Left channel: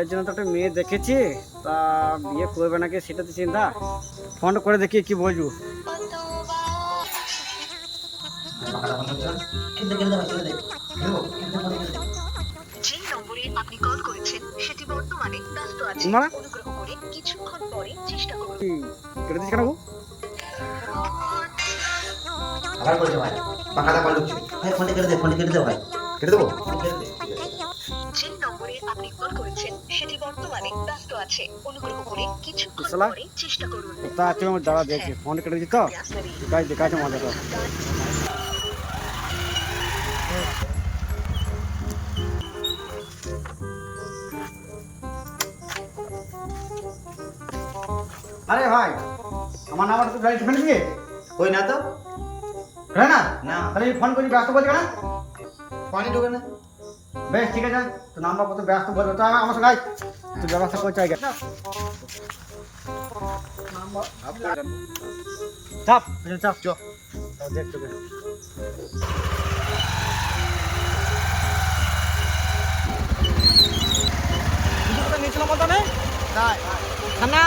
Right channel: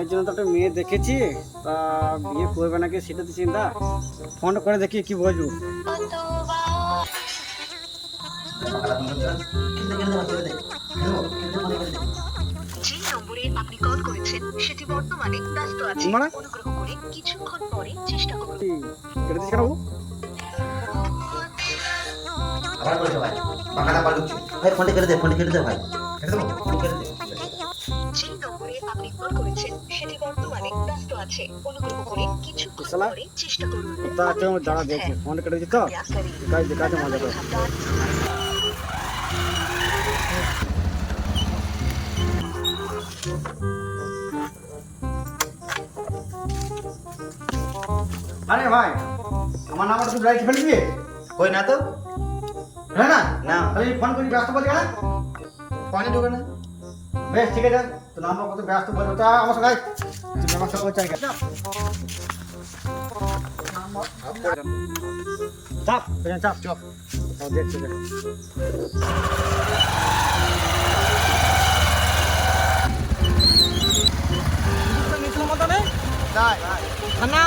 বিয়ের জন্য তো একটা মেয়ে দেখেছি, তা বিয়ে করবে নাকি সেটা তো চিন্তা। ফোন করে দেখি কি বলবো। যে নম্বরে আপনি কল করেছেন সেটি বর্তমানে ব্যস্ত আছে। মানে? অনুগ্রহ করে কিছুক্ষণ পরে চেষ্টা করুন। কেটে দিচ্ছি কেন বাবু? আবার করেছে ভাই, বাঁকাটা কল ঢুকছে ভাই। ফোনটা কেটে দে ভাই, কেটে দেবো, কেটে দে। যে নম্বরে আপনি কল করেছেন সেটি বর্তমানে ব্যস্ত আছে। অনুগ্রহ করে কিছুক্ষণ শালা, পরে চেষ্টা করুন। তা আছে আমার দাঁড়া দেখছি, ফোন কেটে দিচ্ছি তো দেখাচ্ছে মজাটা। আরে ভাই, আমার নাম্বারটা তুই ব্লাইন্ড ফেলে দিবি? কই না তো, হ্যাঁ না না। তাহলে আমি ফোন করি, ব্যস্ত বলছি কেন? পানি ঢোকে না। বেশ ঠিক আছে, তো নাম্বার কত ব্যস্ত বলবো, তা আমার সঙ্গে আয়, তুই ব্যবস্থা করছে আগে। চাপ চাপ চপ দেখছি। নিয়েছিলাম বলতো না তাই না,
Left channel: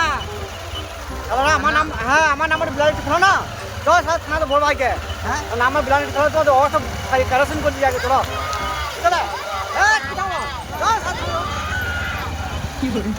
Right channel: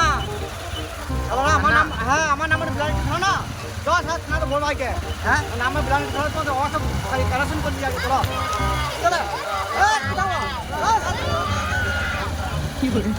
আমার নাম, হ্যাঁ আমার নাম্বার ব্লাইন্ড শোনো না, 10 থানা তো বড় ভাইকে, হ্যাঁ নাম্বার ব্লাইন্ড শোনো তো ও সব খালি কারেকশন করতে যাকে তোরা চলে কি বলে